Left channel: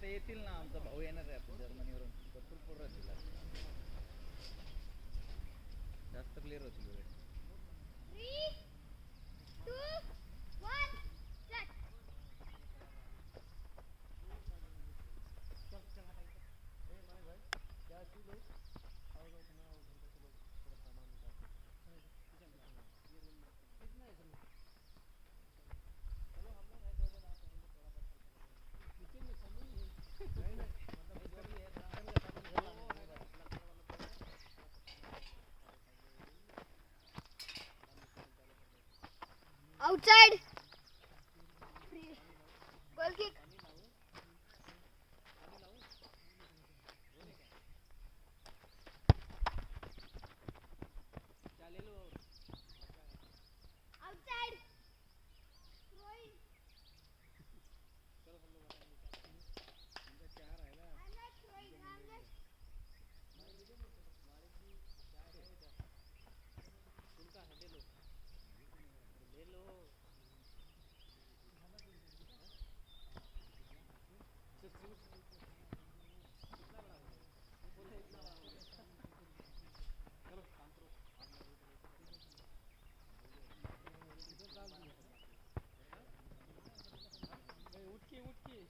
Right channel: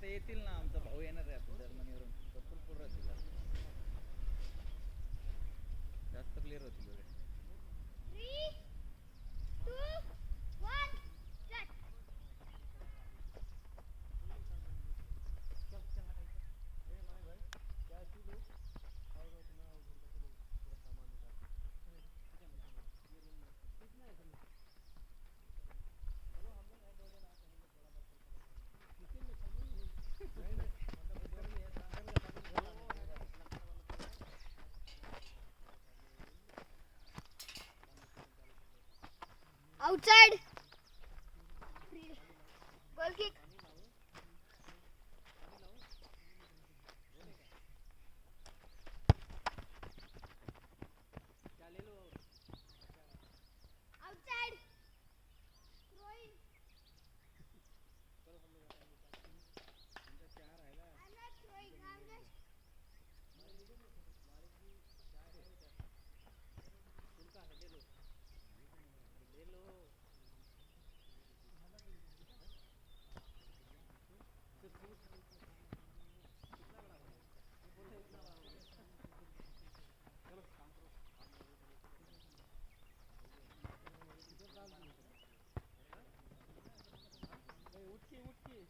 आता येतील ना, आमचा भाऊ येणार आहे आता जर्मनीवरून, भरपूर पोरं होतील जास्त प्लेयर होतील वगैरे. 3, 2, 1 start. Outside. Goal kick. Outside. Throwing. I'm not throwing. I'm just. Outside. Goal kick. Outside. Goal kick.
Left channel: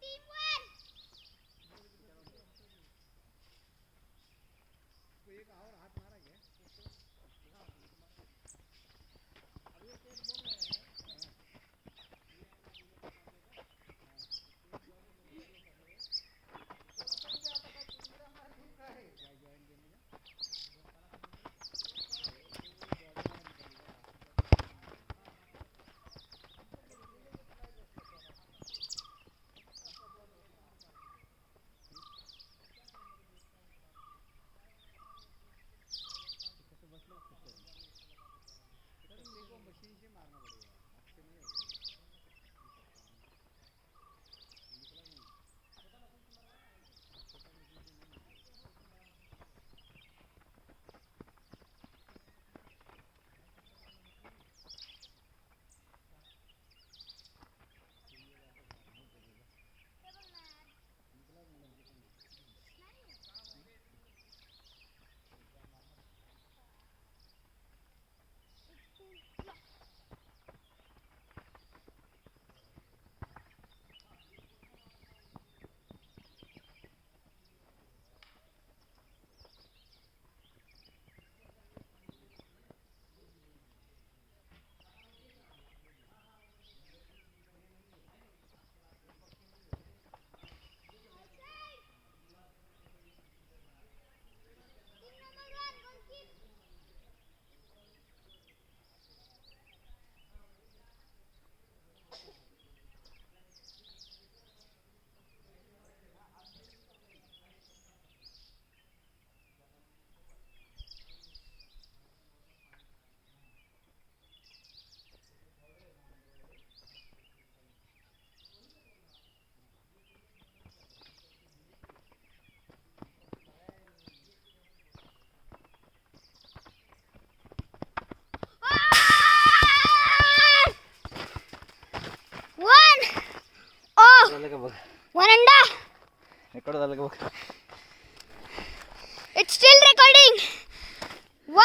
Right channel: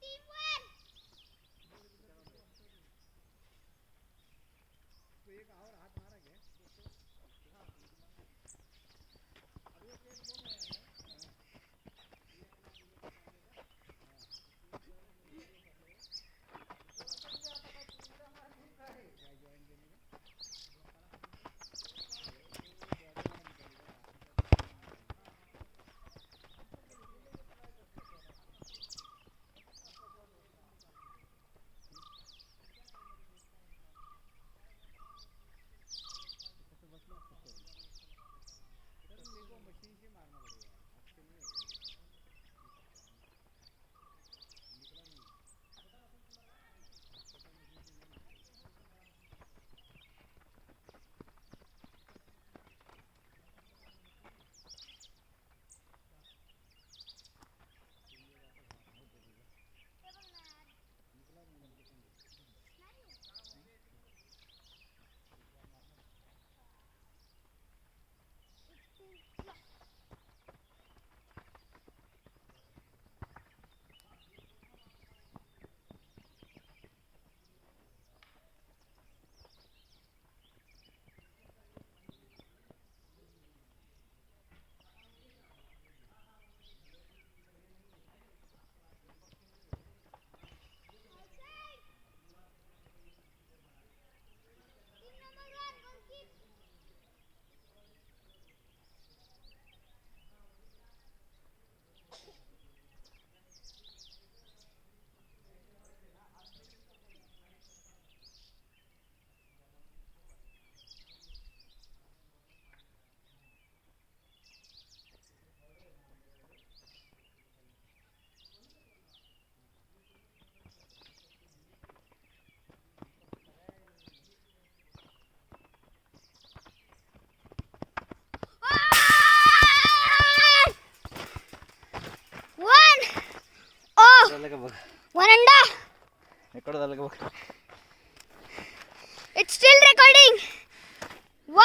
Team 1. Outside. Team number 1. Goal kick. झालं का बघ, One and a. रेकॉर्ड झालं का बघ. It's still recording.